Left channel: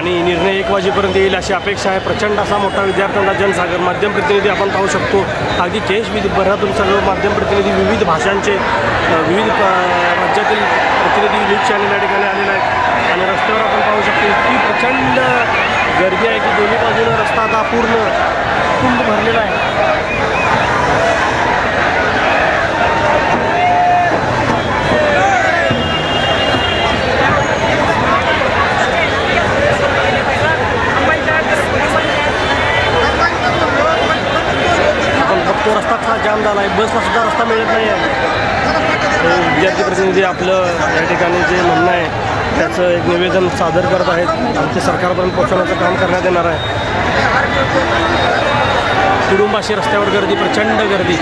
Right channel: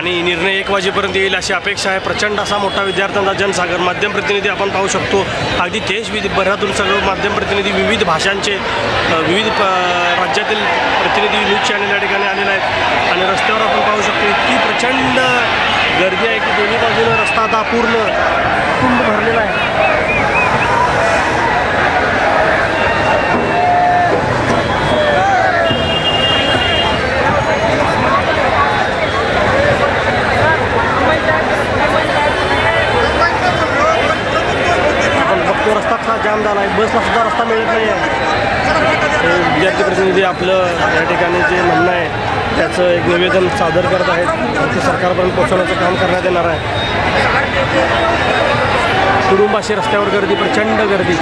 आणि निर्णय 1 वाजेपर्यंत येईल अशी अपेक्षा आहे। प्रचंड असा मोठा विद्यार्थ्यांचा जनसागर। माध्यम प्रतिनिधी आपण पाहू शकतो, अगदी देशभरातून सगळं माध्यम प्रतिनिधी, विविध भाषांचे, विविध राज्यातील प्रतिनिधी न्यूज चॅनल या ठिकाणी आलेले आहेत आणि रस्त्यावर आपण पाहू शकतो इतकी प्रचंड गर्दी आहे की दोन्ही बाजूने रस्ता आता पूर्ण तुंब भरलेला आहे। तो रस्ता कसा जाम झाला आहे, बसला सुद्धा रस्ता मिळत नाही आहे। विद्यार्थी प्रतिनिधी आपलं या ठिकाणी जे म्हणणं आहे त्याचं एक निवेदन सादर करत आहेत आणि ते सरकारपर्यंत पोहोचवण्याचं काम करण्यात येणार आहे। तुडुंबाशी रस्त्यावर गर्दी, प्रचंड गर्दी।